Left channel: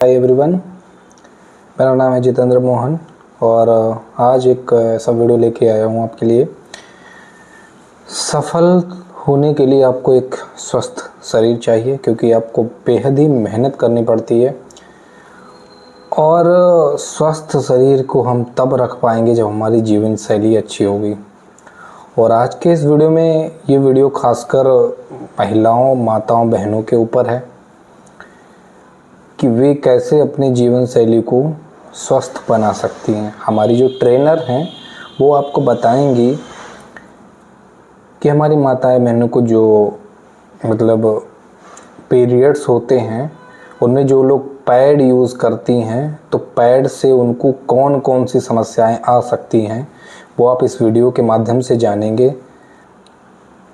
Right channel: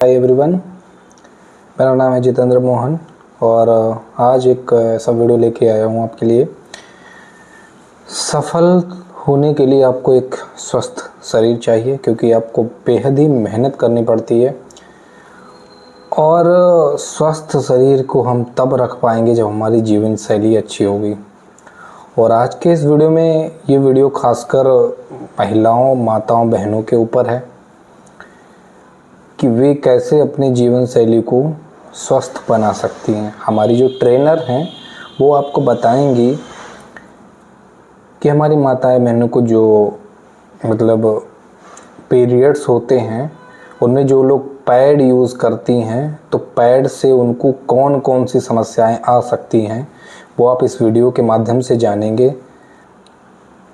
Hi everyone, मेरा नाम है जितेंद्र मोहन और आज एक ऐसा वीडियो लेके आया हूँ आपके लिए। सफल होने के लिए आपको एक स्वस्थ शरीर चाहिए, क्योंकि आपको बेहद ही मेहनत करनी पड़ती है और स्वस्थ शरीर को हम तब रख पाएंगे जब हमारी जीवन शैली अच्छी होगी। और आज के इस वीडियो में ये वीडियो खासकर महिलाओं, माताओं, बहनों के ऊपर है कि वे कैसे अपने जीवन शैली को स्वस्थ बना सकती हैं। हमारी जो ट्रेनर हैं वो आपको बताएंगी कि हमारी माताएं बहनों को जो पीरियड्स होते हैं उनमें जो लोग पैड यूज़ करती हैं तो पैड से उनको कौन कौन सी समस्याएं आ सकती हैं वो आप इस वीडियो के माध्यम से जानेंगे।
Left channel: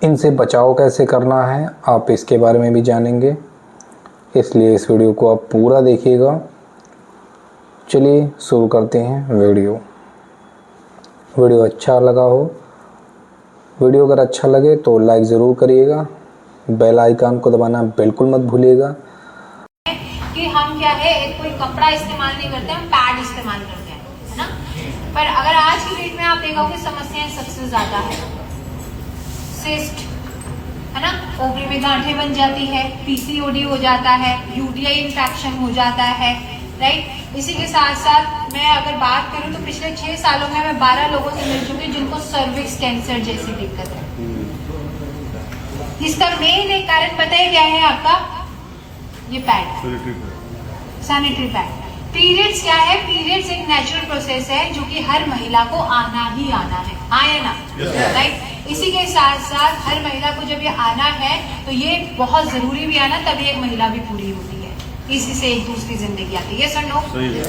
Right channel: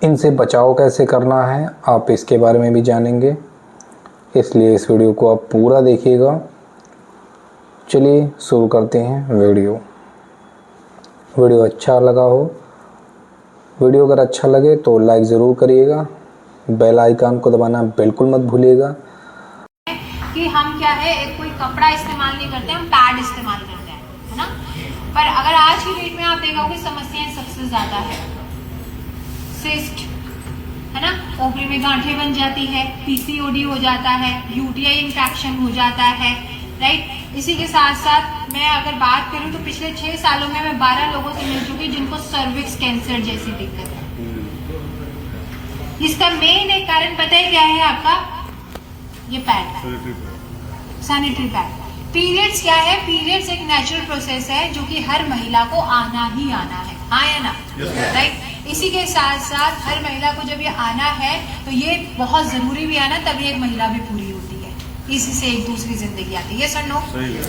इनसे बचाव कैसे करना है आप इसके बारे में भी जानेंगे, इसलिए इस वीडियो को आप पूरा देखिएगा। चलिए शुरू करते हैं वीडियो अच्छा लगा हो, वीडियो अगर अच्छा लगे तो लाइक ज़रूर करिएगा, बेल आइकन को दबाना बिल्कुल मत भूलिएगा। कि हम क्या है, एक कोई कपड़ा इस्तेमाल नहीं करते, हम पैड इस्तेमाल करते हैं, है ना। पर अगर आज की डेट में आप देखोगे समस्याएं सबसे ज्यादा है सिस्ट, है ना, ओवरी में गांठें बन जाती है, पीसीओडी हो जाता है, यूटीआई इंफेक्शन हो जाता है, राइट। इसी के साथ साथ मैं अगर बात करूं तो पिछले 6 सालों में मैं 12 लोगों से मिल चुकी जिनको सर्विक्स कैंसर जैसी दिक्कत है। इसका मेन एक कारण पता है क्या है आपका? ये पैड, सैनिटरी पैड। पीरियड्स क्या है? पीरियड्स एक नेचुरल प्रोसेस है जो कि हर महिला को आना ही आना है, आया ना, राइट। इसी के साथ साथ हर महिला को जब ये आना है तो ये बहुत जरूरी भी आना, तभी एक महिला भी पूरी होती है। इसी से एक दूसरी जिंदगी आती है, यस और नो,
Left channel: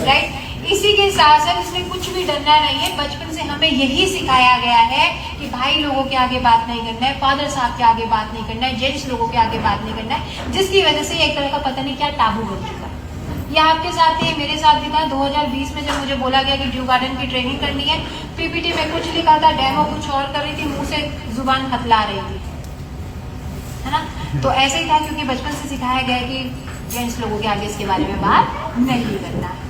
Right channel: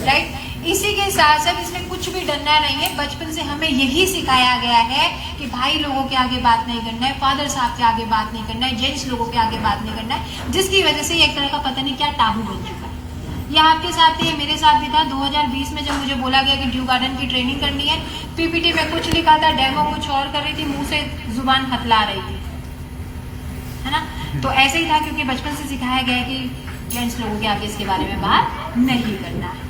राइट। इसी के साथ साथ इसमें कुछ भी डरना नहीं है। बचपन से हमें यही सिखाया गया है कि भाई लोगों के आगे बात नहीं करना है, फादर साहब के आगे बात नहीं करना है, जेंट्स लोगों के आगे बात नहीं करना है, जिसकी वजह से एक तरह का पता नहीं क्या टाबू बन चुका है। ये आपके साथ ही, मेरे साथ भी था। 2020 में जब मुझे बोला गया कि ड्यू गार्डन की ट्रेनिंग करनी है, पीपीटी में कुछ लिखा था, डेमो कुछ और कर रही थी, मुंह से जुबान हथला रही थी, है ना। तो ऐसे ही था, क्योंकि बचपन से सिखाया गया कि जेंट्स लोगों के आगे इसके बारे में बात नहीं करना है।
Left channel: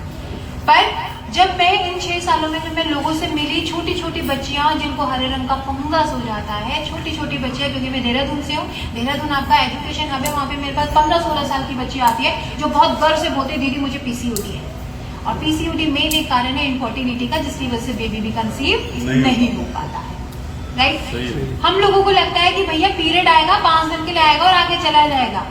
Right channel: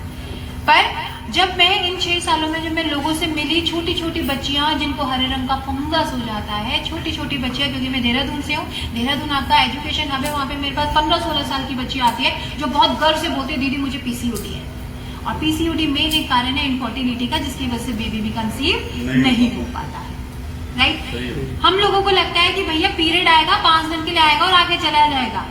पर जब मैं इन 6 सालों में जब मैं लोगों से मिली, छोटी छोटी बच्चियां जिनको हरे रंग का फंगस हो जाता है, छोटी छोटी बच्चियां, क्योंकि मैं देहरादून से हूँ, देहरादून आपका एजुकेशन हब है, वहाँ पे मेरे पास 15-16 साल की बच्ची आती है जो बहुत गर्व से बोलती है दीदी मुझे पीसीओडी है। और पीसीओडी मेन एक कारण है इनफर्टिलिटी का, जिसकी वजह से बेबी भी कंसीव नहीं हो पाता है, राइट। हम लोगों को लगता है कि भैया पीरियड आएगा 5 दिन के लिए आएगा और आगे चला जाएगा।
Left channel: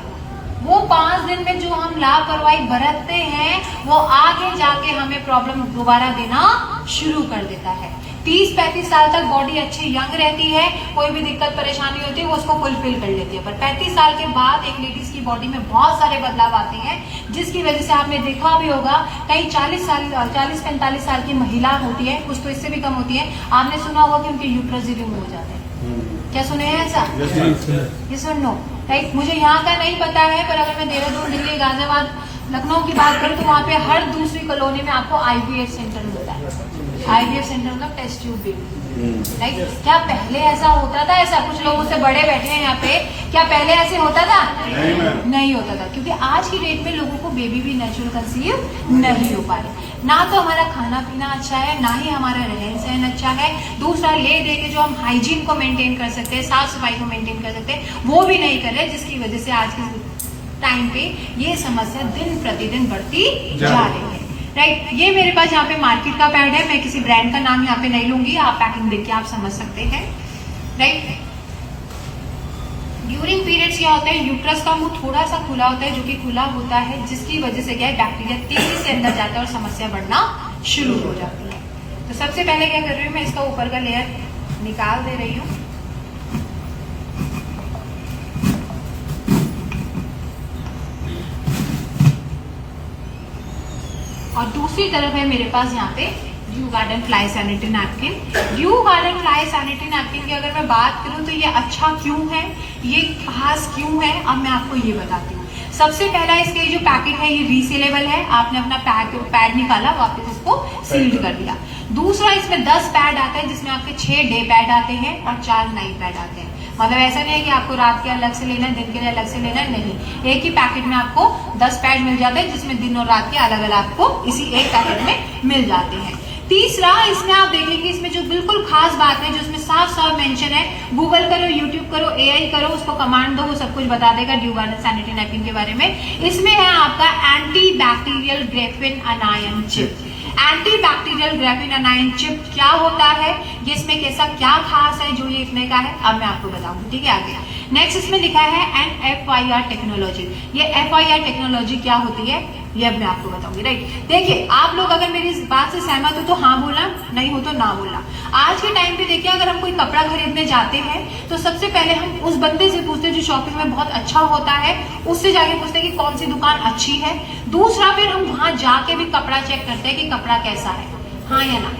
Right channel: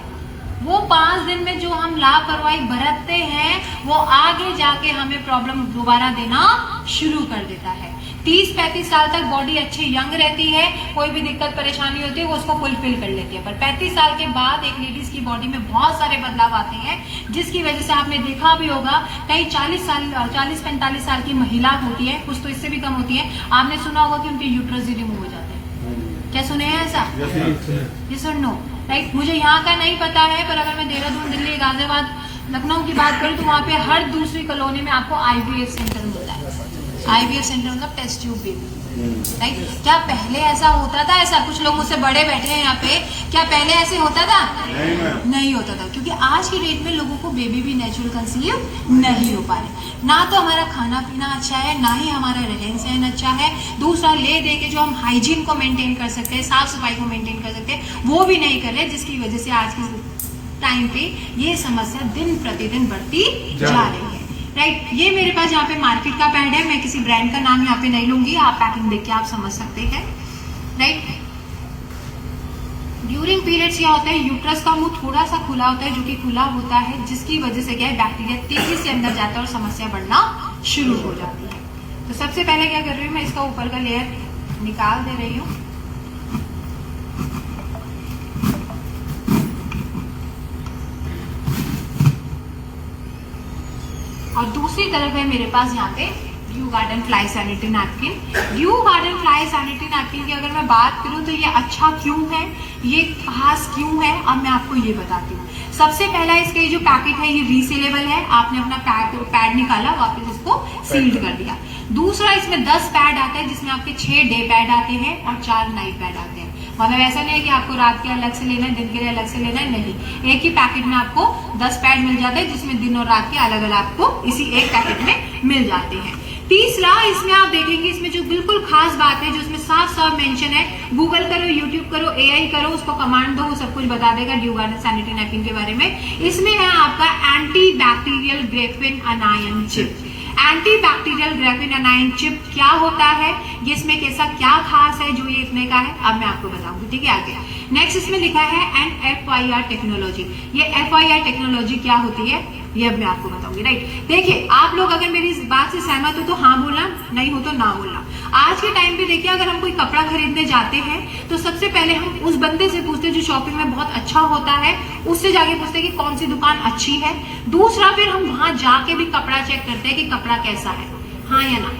वो 5 दिन में जो हम लापरवाही बरतते हैं वो आगे जाके हमें प्रॉब्लम दोबारा देना शुरू कर देता है। 30-35 साल तक बॉडी अच्छी यंग रहती है, कोई भी दिक्कत परेशानी होती है वो उसको फुलफिल कर लेती है। पर 35 साल के बाद एक लेडीज की बॉडी में बहुत सारे बदलाव आते हैं, जिसकी वजह से आपने देखा भी होगा कई 40-45 साल की महिला होती है, कुछ तो इससे भी कम होती है, आपने सुना होगा कि उनके यूट्रस रिमूव हो जाते हैं। क्या सुने हैं ऐसा? ये सुन नो, राइट। मुझे यहाँ का नहीं पता है, पर अगर मैं देहरादून, दिल्ली, गाजियाबाद, लखनऊ की बात करूँ तो वहाँ पे हर दूसरी कॉलोनी में आपको आईवीएफ सेंटर मिलता है। आईवीएफ सेंटर मतलब टेस्ट ट्यूब बेबी, राइट। क्या पहले ऐसा होता था? ऐसा कुछ लोग उससे बड़े बैठे हैं यहाँ पे, क्या पहले ऐसे होता था? नहीं होता था, क्योंकि आज की डेट में लोगों को बेबी भी नेचुरल कंसीव नहीं हो पा रहे। ना तो हमारा खाना पीना अच्छा है, ना ही हमारा रहन सहन अच्छा है। दूसरा, ले दे के जो हम हाइजीन को मेंटेन कर सकते हैं, साफ सफाई को मेंटेन कर सकते हैं, वो भी नहीं कर रहे, जिसकी वजह से आज के टाइम पे ये समस्या दिन प्रतिदिन बढ़ती जा रही है, राइट। ये मेरे पास यहाँ पे मार्केट का पैड है, मैं किसी ब्रांड का नाम यहाँ पे नहीं लूंगी, आप पैकिंग देख के आप समझ सकते हैं, राइट। ड्यूरिंग पीरियड्स क्या होता है, यूट्रस का मुंह थोड़ा सा खुला होता है, जो कि खुला होता है, जिसकी वजह से क्या है, बैक्टीरिया तेजी से अंदर जाता है और समस्या बढ़ना शुरू हो जाती है। तो सबसे पहले क्या कर रही हूँ मैं, इसका ऊपर का लेयर निकाल दे रही हूँ। और दूसरी तरफ है मेरे पास यहाँ पे due garden fly sanitary napkin. Due garden fly sanitary napkin की अगर मैं बात करूं तो ये अच्छा क्यों है, ये खास क्यों है, अब मैं आपको ये बताती हूँ। सबसे पहला इसके जो पैकेट है ये रीसेलेबल है, आपने अपना पैड निकाला, वापस इसको सील्ड कर दिया। दूसरा इसमें 10 पैड आता है जिसमें आपके 6 डे पैड आते हैं और 4 नाइट पैड आते हैं। मतलब ऐसा नहीं है कि आपको रात के अलग से लेना है, दिन के लिए अलग से लेना है, नहीं, एक ही पैकेट में आपको 10 पैड मिल जाते हैं जिसमें दिन और रात के अलग अलग आपको इसी एक पैकेट में मिल जाते हैं। तीसरा, इसमें आप देखेंगे इसमें जो बिल्कुल खास बात है, जो इसमें साफ साफ मेंशन है, गूगल करो, यूट्यूब करो, एआई करो, उसको कमांड दो, वो सब कुछ बता देगा ड्यूवाना सैनिटरी नैपकिन के बारे में। इसमें है आपका anti bacterial Graafian अनायन chip. Anti bacterial Graafian अनायन chip क्या होता है, ये इसमें कैसा क्या खास है जो ये इतने का है, अब मैं आपको बताऊंगी, ठीक है। आगे नेक्स्ट इसमें लिखा है NFIR टेक्नोलॉजी। ये FIR टेक्नोलॉजी क्या होती है ये अब मैं आपको बताऊंगी, राइट। देखिए, आप लोग अगर मेरी इस बात से सहमत हो तो हाँ बोलना, नहीं हो तो ना बोलना। आज के टाइम पे देखिए, अगर हम कोई कपड़ा खरीदने जाते हैं तो सबसे पहले हम उस बंदे से पूछते हैं जो शॉपिंग में बहुत अच्छा होता है, उससे जाके पूछते हैं कि कौन सी दुकान अच्छी है। दूसरा, फिर हम वहां जाके भी कपड़ा चेक करते हैं कि कपड़ा कैसा है, हाँ या ना,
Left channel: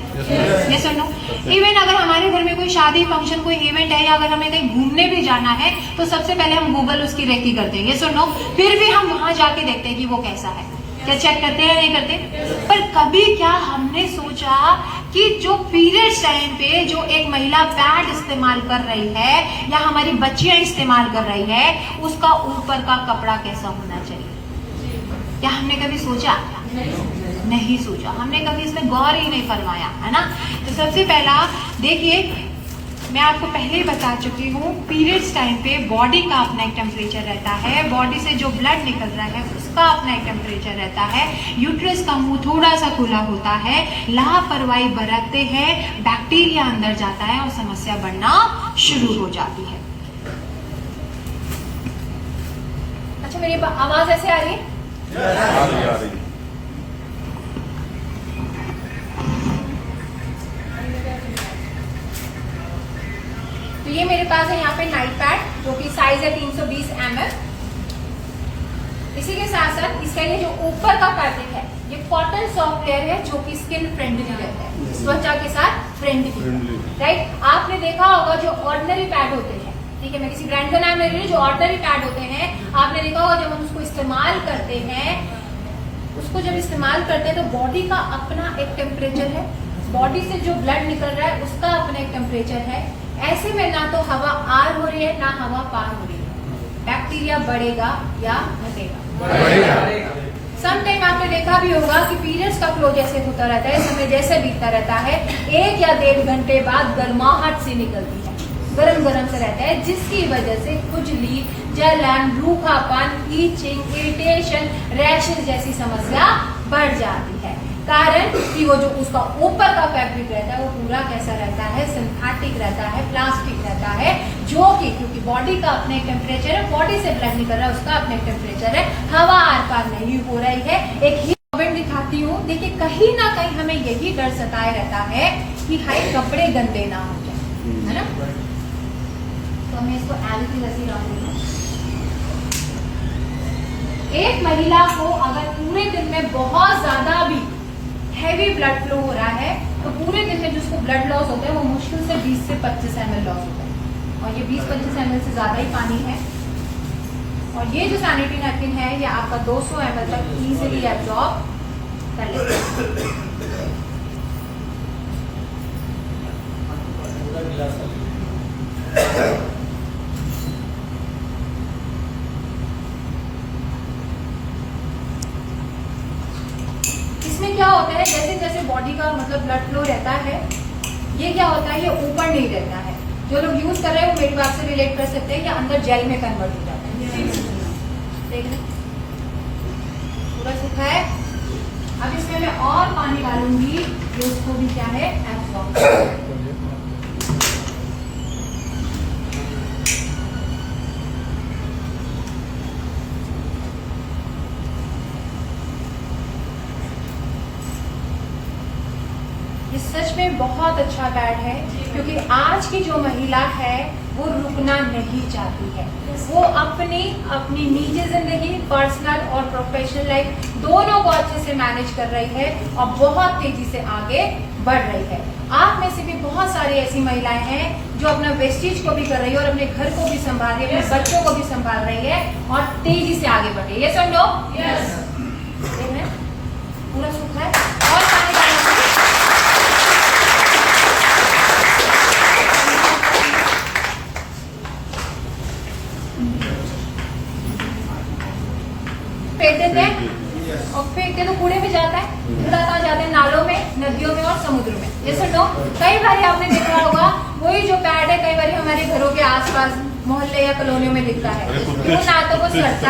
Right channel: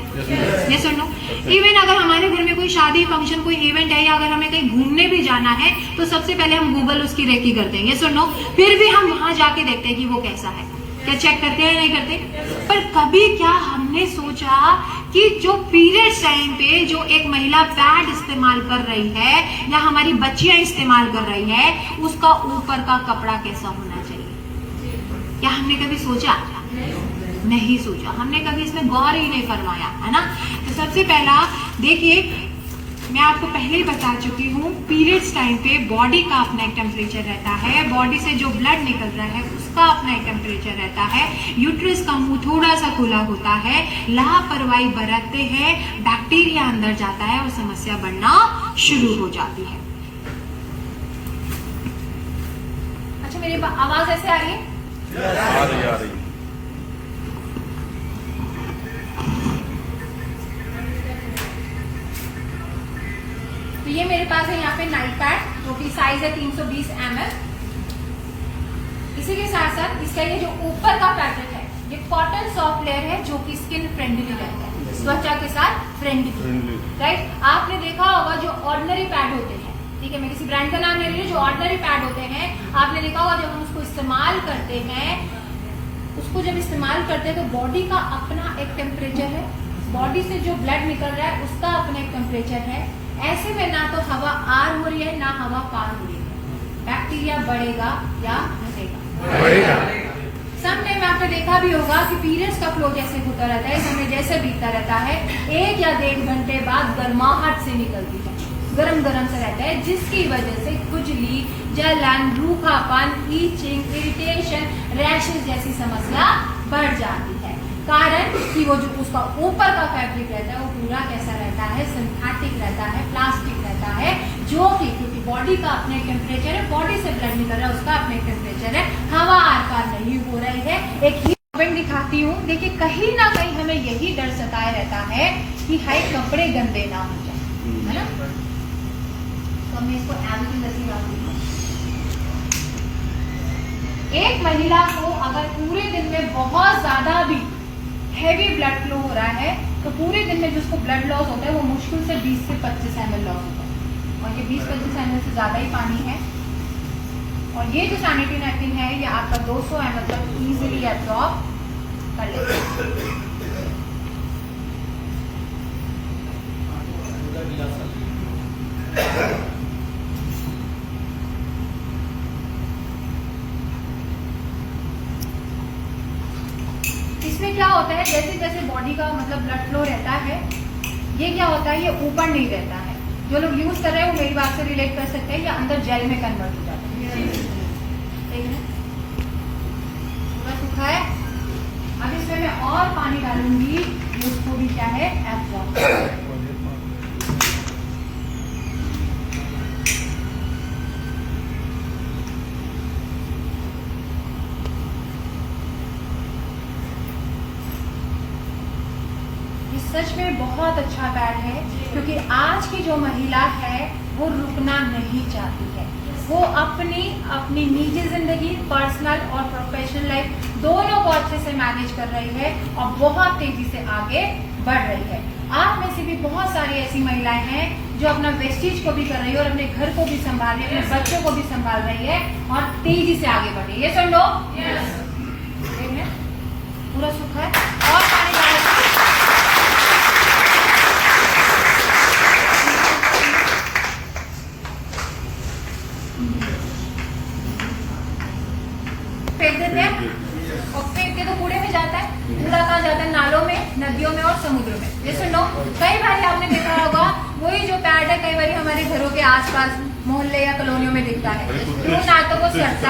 ये सुनो। इवन अगर हमारे घर में कोई शादी फंक्शन कोई इवेंट है या अगर हमें कहीं घूमने भी जाना है तो सबसे पहले हम गूगल उसकी रेकी करते हैं, ये सुनो। फिर भी हम वहां जाके देखते हैं कि वो कैसा है, क्या चेक करते हैं नहीं करते। पर कभी क्या हमने सोचा कि जो पीरियड्स टाइम पे जो एक महिला पैड इस्तेमाल कर रही है या हमारी बच्चियां इस्तेमाल कर रही है, उसका ऊपर का कपड़ा कैसा होना चाहिए? क्या हमने कभी सोचा? नहीं सोचा, हमने कभी इसमें गौर ही नहीं फरमाया, है ना। तो सबसे पहला देखिए, मैं आपको पहले ही बता चुकी हूँ, पीरियड्स टाइम पे बॉडी का अपना एक टेम्परेचर रहता है, बॉडी से जो ब्लड निकल रहा है उसका अपना एक टेम्परेचर रहता है, यूट्रस का मुंह थोड़ा सा खुला होता है, लापरवाही बरतते हैं, बैक्टीरिया अंदर जाता है और समस्या बढ़ना शुरू हो जाती है। अच्छा, मेरी आवाज ऐसे आ रही है? आ रही। तो ये मेरे पास है यहाँ पे नाइट पैड जो कि साइज है 320 ml। इसी के साथ साथ इसका ये जो ऊपर का फैब्रिक है ये कॉटन सॉफ्ट लेयर है जो कि स्किन फ्रेंडली रहता है, त्वचा के साथ फ्रेंडली, राइट। आपने देखा होगा जो ऑर्डिनरी पैड होते हैं, ठीक है, मैं किसी ब्रांड का नाम ले रही हूँ, जो ऑर्डिनरी पैड होते हैं आपने देखा होगा जब हम उसको इस्तेमाल करते हैं, उसको जब इस्तेमाल करते हैं तो बॉडी का अपना एक टेम्परेचर है, बॉडी से जो ब्लड निकल रहा है उसका अपना एक टेम्परेचर है। ऐसे में ना तो हवा आर हो रही है ना हवा पार हो रही है, बैक्टीरिया बढ़ेगा या घटेगा। सम टाइम आपने देखा भी होगा कि पीरियड्स का फ्लो जैसे होता रहता है, समय जैसे बीतता रहता है, 1 या 1.5 घंटे बाद गर्माहट से निकलती है, गरम गरम से रहता है, जिसकी वजह से खुजली, जलन, रूखापन, ईचिंग, इरिटेशन, रैशेस जैसी समस्या बढ़ जाती है। कारण कि वो जो उसका ऊपर का फैब्रिक रहता है वो पूरा कैसा रहता है, सिंथेटिक रहता है, प्लास्टिक रहता है, जो कि क्योंकि बॉडी का अपने टेम्परेचर है, बॉडी से ब्लड निकल रहा है उसका अपने टेम्परेचर है, हवा आर पार नहीं हो रही है। एक ही पॉइंट दिखाती हूँ, देखिए कहीं ना कहीं हमें यही डर सताए रहता है कि हाय कपड़े गंदे ना हो जाए, है ना। तो मैं इसको एल्कोहल रखूंगी। एक महिला को अगर पूरे दिन में बहुत ज्यादा भी हैवी ब्लड फ्लो हो रहा है तो पूरे दिन में जिसको ब्लड लॉस होता है वो मुश्किल से 20 से 25 ml लॉस होता है, और ये 20-25 ml से ज्यादा ही पानी है। और ये जो सैनिटरी नैपकिन है ये आपका 200 ml तक इजीली एब्जॉर्ब कर लेगा। इसमें क्या होता है, जैसे जैसे बॉडी का मतलब ब्लड फ्लो रहता है, ये क्या होता है, ये ऊपर नहीं रहता है। जो लोग यूज कर रहे हैं वो मेरी बात से रिलेट कर सकते हैं, ये अंदर जेल में कन्वर्ट हो जाता है, ठीक है। पूरा सूखा है, अब इसमें मैं और पानी डालूंगी जो उसको भी क्या है एब्जॉर्ब। सच में बहुत अच्छा पैड है, क्योंकि आज की जो महिला है वो रुकना नहीं चाहती है, वो अपनी निजी जिंदगी, पर्सनल और प्रोफेशनल लाइफ दोनों को अच्छे से मैनेज कर रही है और बहुत तेजी से आगे बढ़ रही है। आप में से भी बहुत सारी ऐसी महिलाएं हैं जो अपना वेस्टेज को भी कर रही है और अपने घर को भी संभाल रही है, अपने बच्चों को भी संभाल रही है और तेजी से आगे बढ़ रही है। ये सब लोग देख रहे हैं पूरा सूखा है और पानी डालते हैं। कूड़ा कहाँ जाता है? नालों में, नदियों में और समुद्र में। ये सुनो, कई बार आपने देखा होगा वही जो पैड है कई बार हमारे घरों के आसपास मोहल्ले या कॉलोनियों में दिखता है। क्यों? ना तो वो सड़ता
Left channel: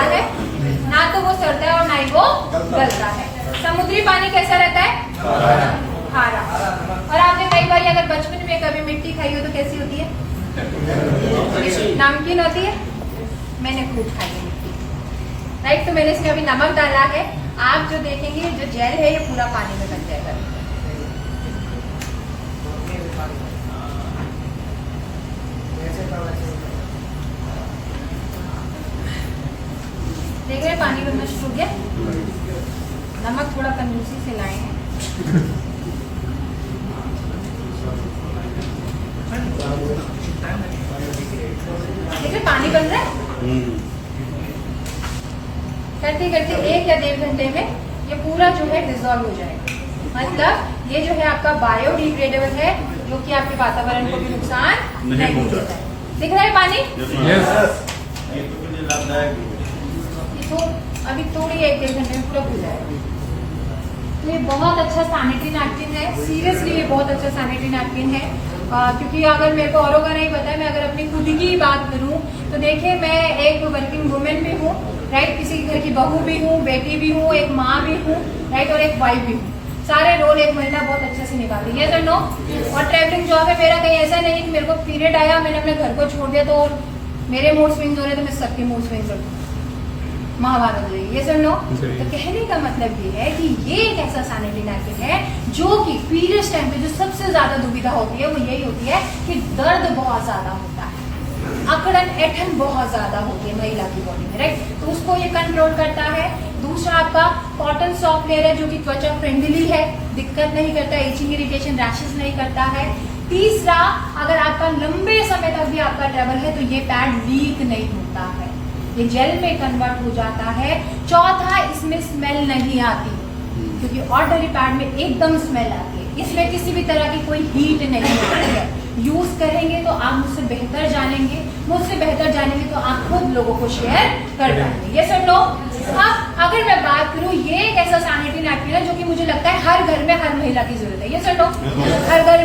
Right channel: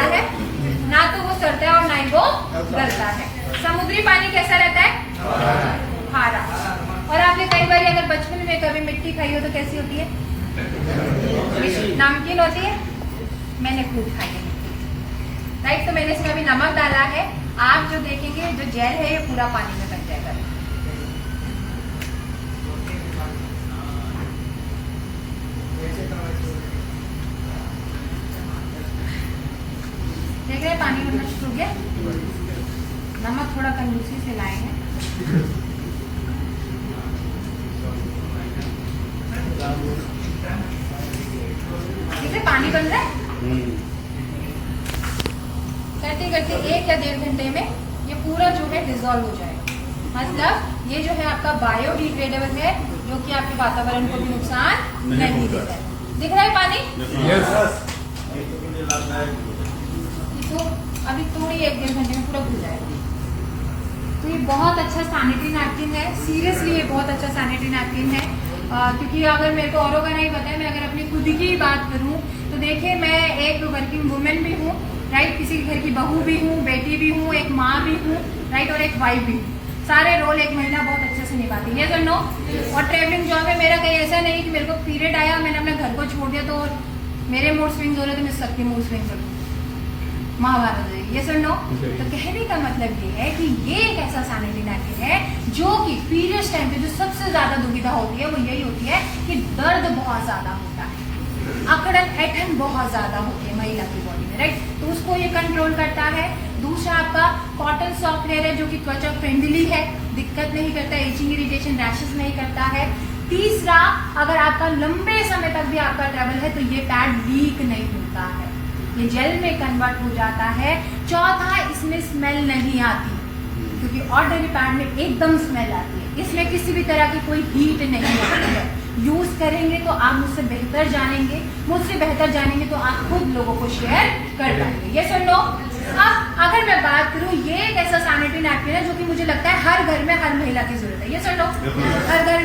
है, और ना ही वो गलता है। समुद्री पानी कैसा रहता है? खारा। और आपने कई बार अगर बचपन में कभी मिट्टी खाई हो तो कैसी होती है? नमकीन होती है। मैंने खूब खाई है मिट्टी, राइट। तो मैंने इसमें अभी नमक डाला है। आप जो देखेंगे जो जेल है ये पूरा पानी में बन जाएगा। देख रहे हैं पानी बनना शुरू हो गया। नमक थोड़ा कंजूसी से लाए हैं। देखिए पानी बन रहा है। करते करते 1 या 1.5 घंटे में ये पूरा जो है डिजोल्व हो जाएगा। मतलब ये जो है आपका बायोडिग्रेडेबल है, जो कि आपके वातावरण को भी नुकसान नहीं देता है। दिख रहा है पानी? तो अभी थोड़ी 1-1.5 घंटे में पूरा घुल जाएगा। तो ये बहुत अच्छा सैनिटरी नैपकिन है। सीरियसली ये बहुत अच्छा सैनिटरी नैपकिन है। क्योंकि अगर मेरे को औरों का नहीं पता है, मैं अगर अपनी खुद की बात करूं तो देखिए मैं एक वर्किंग वुमेन भी हूँ, राइट। किसी घर की बहू भी हूँ, बेटी भी हूँ, एक माँ भी हूँ, राइट, और एक वाइफ भी हूँ। सारे रोल एक महिला बहुत अच्छे से निभाती है, नो। और ट्रैवलिंग जॉब है मेरा। कहीं ऐसा नहीं कि मेरे को पीरियड आया मैंने अपने घर को छोड़ दिया तो मेरे मूड स्विंग्स हो रहे तो मैं सबके मूड स्विंग्स हो महाभारत है, ये सब नो। तो कहने का मतलब ये है कि ये एक ऐसा सैनिटरी नैपकिन है जो कि पीरियड्स टाइम पे जो सबसे ज्यादा दुविधा होती है वो यही होती है कि दर्द बहुत ज्यादा होता है, अकड़न ऐठन बहुत ज्यादा होती है महिला की बॉडी में, राइट। तो उसको ये कंट्रोल करता है। दूसरा आपका कॉटन सॉफ्ट लेयर है जो कि त्वचा फ्रेंडली है, दिक्कत नहीं करता, इचिंग इरिटेशन रैशेस नहीं करता है। तीसरा, अगर आपका लंबे समय तक भी आपका ट्रैवल है तो ये पैड लीक नहीं होता है, ये जेल में कन्वर्ट हो जाता है। चौथा, इसमें स्मेल नहीं आती, क्योंकि ऑर्डिनरी पैड में एकदम स्मेल आती है। इसमें किसी भी तरह की कोई हीट नहीं होती है। यूज करेंगे तो आप मुझसे बेहतर जानेंगे, मुझसे बेहतर जानेंगे तो आप खुद लोगों को शेयर कर पाएंगे। ये सब लोग। अब अगर मैं बात करूं, ये एक ऐसा सैनिटरी नैपकिन है जो कि मुझे लगता है हर घर में हर महिला की जरूरत है। ये सब लोग हर घर में